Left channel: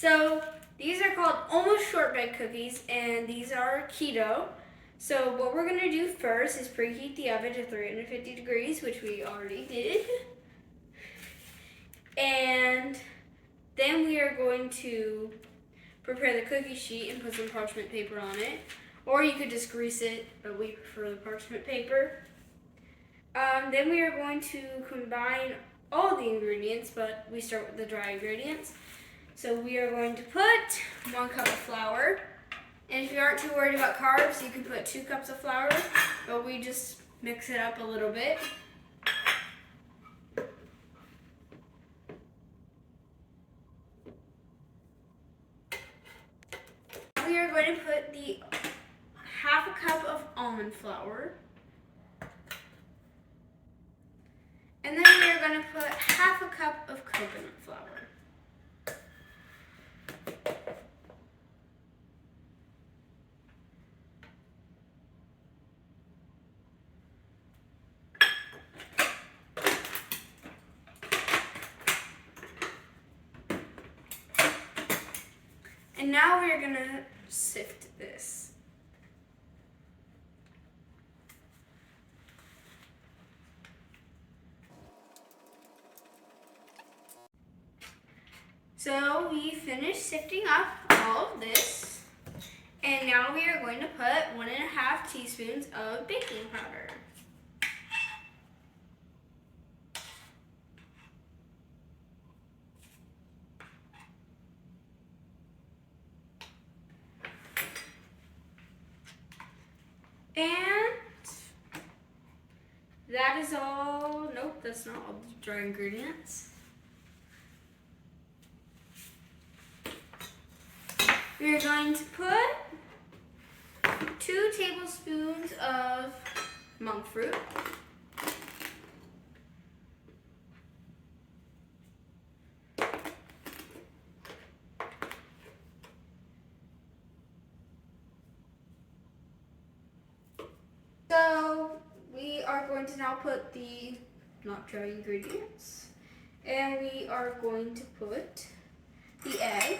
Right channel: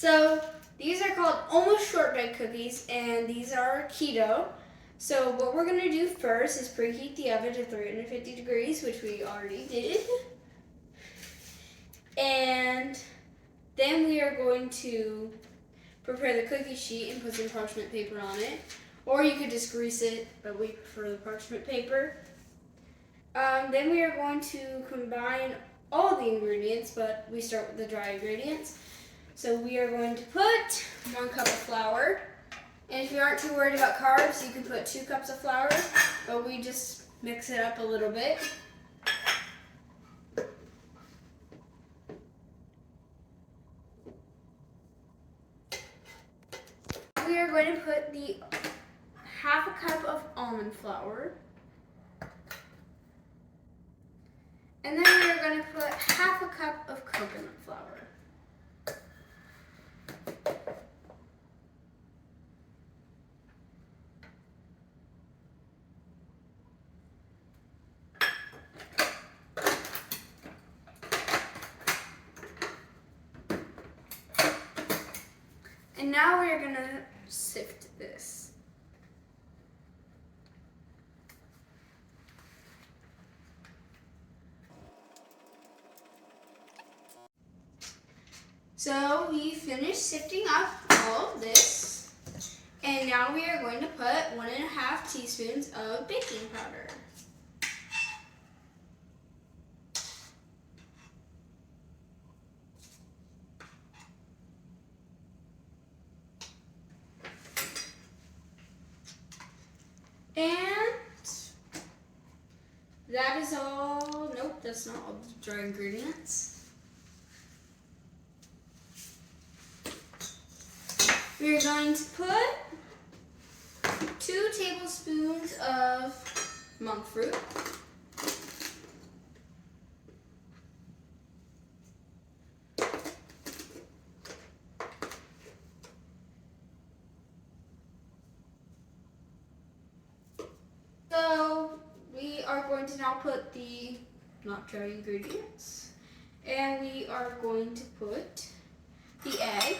So these are called almost shortbread cookies, and these are keto. So what we're gonna do first is preheat the oven to 350 degrees, which we already did. And then we are going to prepare the cookie sheet and put some parchment paper on it. Or you could just grease it, but we prefer the parchment paper. Then we are going to combine all the ingredients, but we start with the dry ingredients. So we are going to put 1 cup of flour. And if you aren't too worried about carbs, you can put 2 cups of flour, but we just mix it up a little bit. We are going to put the 1/2 cup of almond flour. And then we are going to put 1/2 cup of coconut flour. And now we're going to sift this. So we finished sifting up all of this, and now we are going to put 1.5 teaspoons of baking powder. And that is all. Nope, that's not all the dry ingredients. We are going to put 2 tablespoons of monk fruit. So we are going to now put the not dried ingredients, and we are going to put the egg.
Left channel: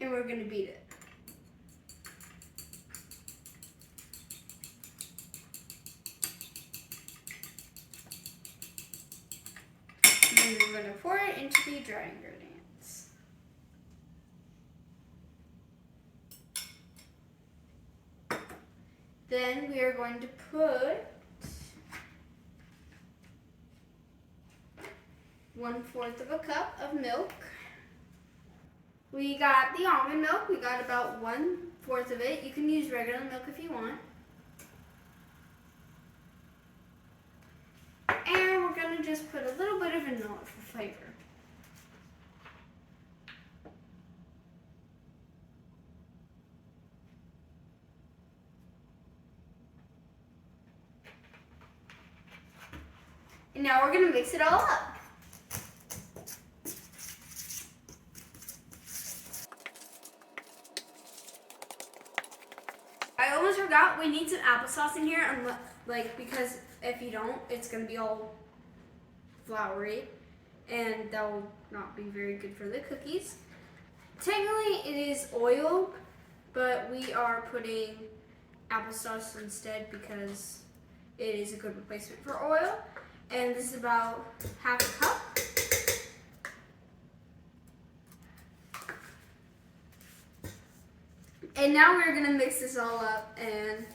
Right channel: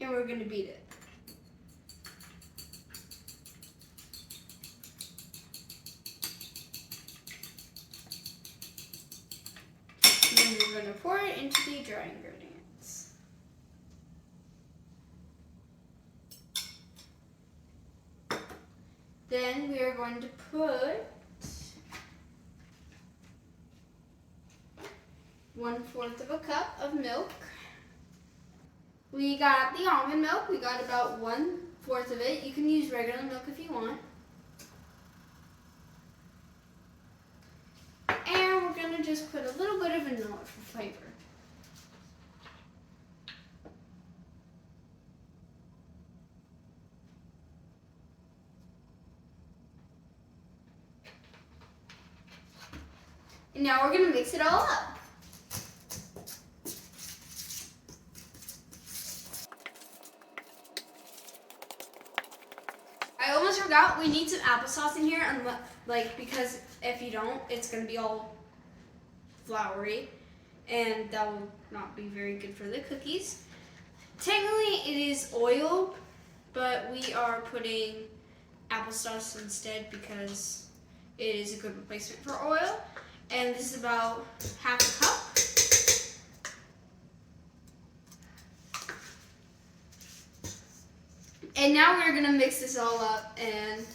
And we're going to beat it. And then we're going to pour it into the dry ingredients. Then we are going to put 1/4 cup of milk. We got the almond milk. We got about 1/4 of it. You can use regular milk if you want. And we're going to just put a little bit of vanilla for flavor. And now we're going to mix it all up. I almost forgot, we need some applesauce in here, because if you don't, it's going to be all floury, and that will not be very good for the cookies. Technically, it is oil, but we are putting applesauce instead because it is a good replacement for oil. And this is about 1/2 cup. And now we're gonna mix this all up and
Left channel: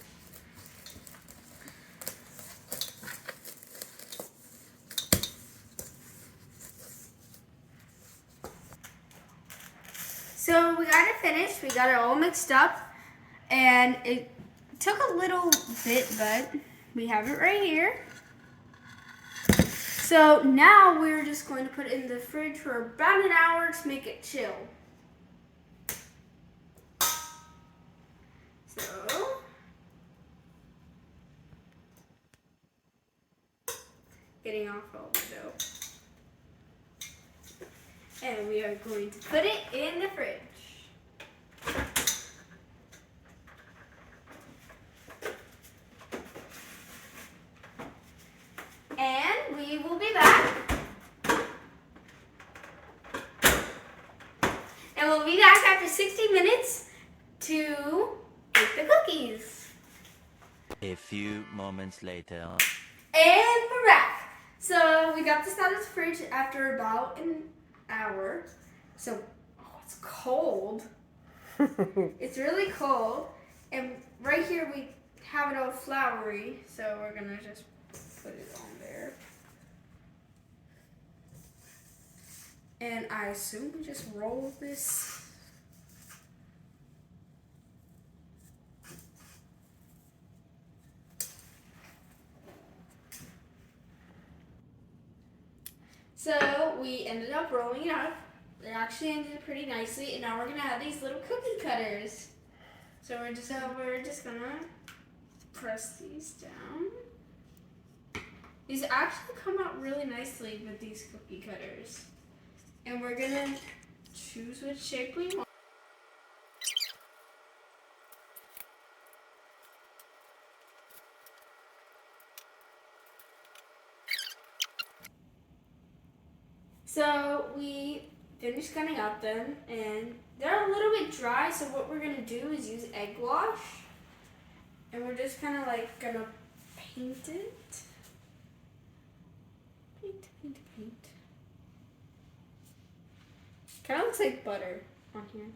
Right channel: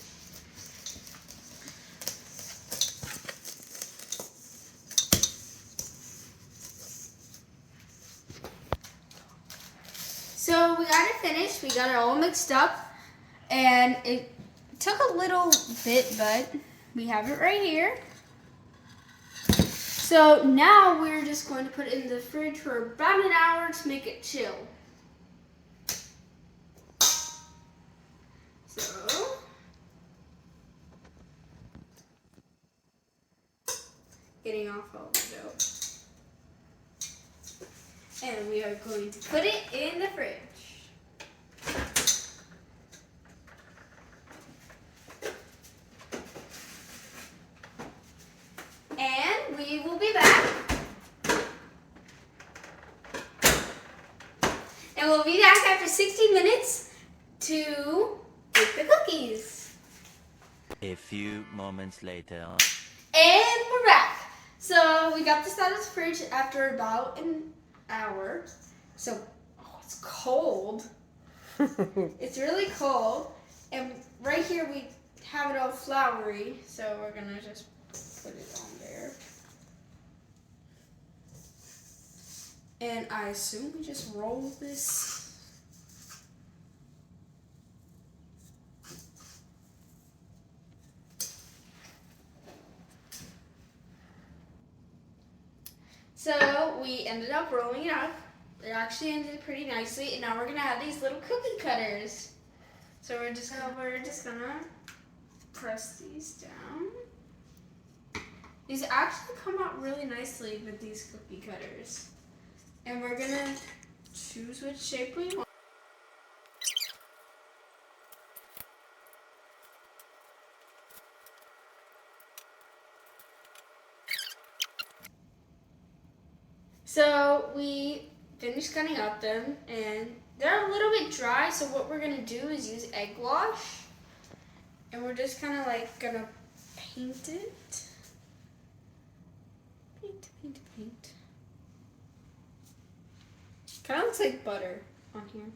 so we got it finished. We got it all mixed up, and it took a little bit, but we have it right here. So now we're just going to put it in the fridge for about an hour to make it chill. So getting off all the dough. And we are going to put it in the fridge. we'll be back after 60 minutes to bake the cookies. A few moments later. And we're back. So we got this out of the fridge after about an hour. So, it's cold. It's really cold. And right here we have it all floury. So we're going to just put it on there. And I assume we just roll this. So we ended up rolling it up. It actually ended pretty nicely, and now we're gonna have these little cookie cutters. So we're just gonna press these down. These actually come out really nicely with these cookie cutters. And we're gonna choose which shape we want. So we finished cutting up them, and they're a little bit dry, so what we're gonna do is use egg wash. And we're just kind of like gonna paint it. Paint. Kind of looks like butter on here.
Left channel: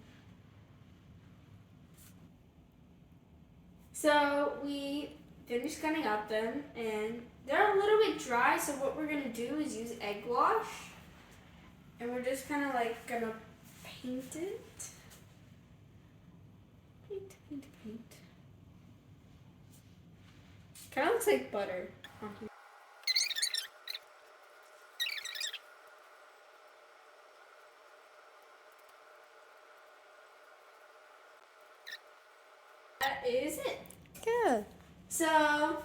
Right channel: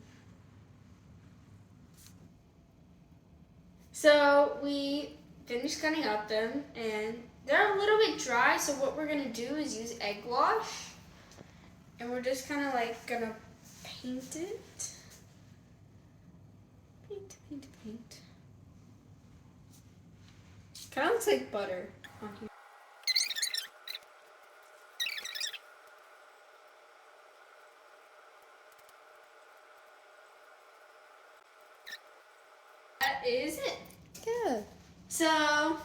So we finished cutting up them, and they're a little bit dry, so what we're gonna do is use egg wash. And we're just kind of like gonna paint it. Paint. Kind of looks like butter on here. That is it. Good. So,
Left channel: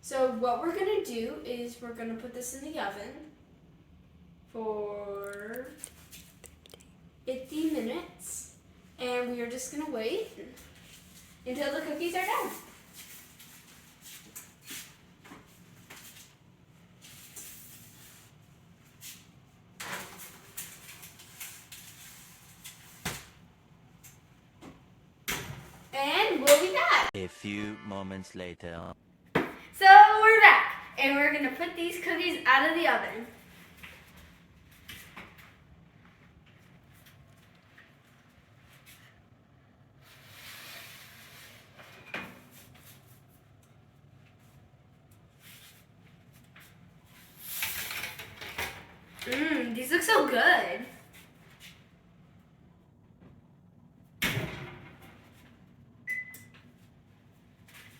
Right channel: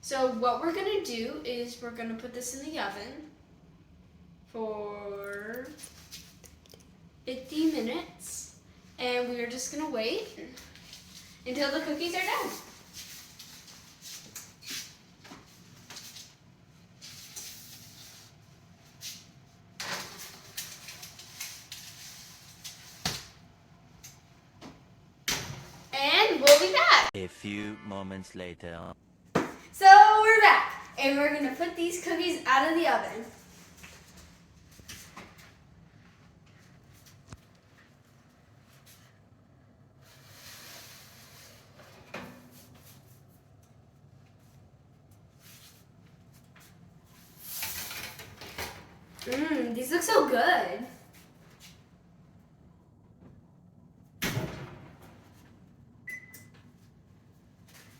So what we're gonna do is we're gonna put this in the oven for 50 minutes, and we are just gonna wait until the cookies are done. And we'll be back. A few moments later. So we're back, and we're gonna put these cookies out of the oven. These look so good.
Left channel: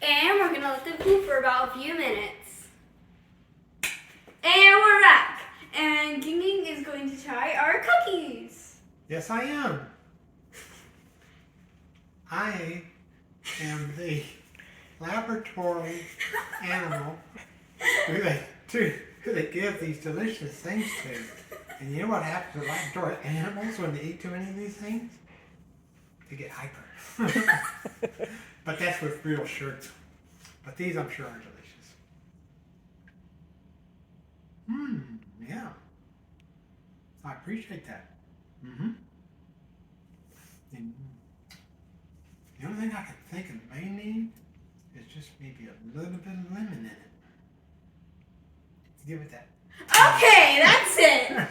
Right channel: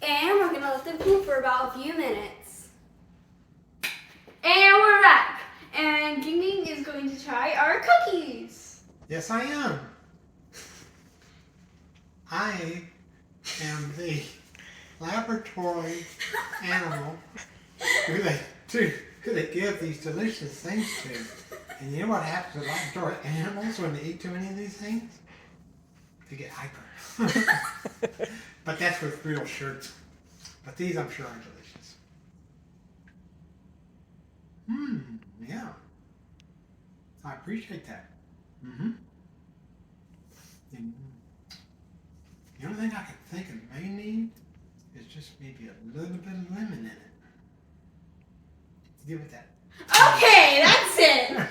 And we're gonna let them cool for about a few minutes. And we're back. And Ging is going to try our cookies. Yes, I am. I am the laboratory animal who they give these delicious things to. And you know what happens to laboratory animals when they eat too many of these things? They get hyper. But that's with real shirts. But these, I'm sure, are delicious. Yeah. I appreciate that. And the only thing I can think it may need is just maybe a little bit of lemon in it. Give it that. Okay, that's it.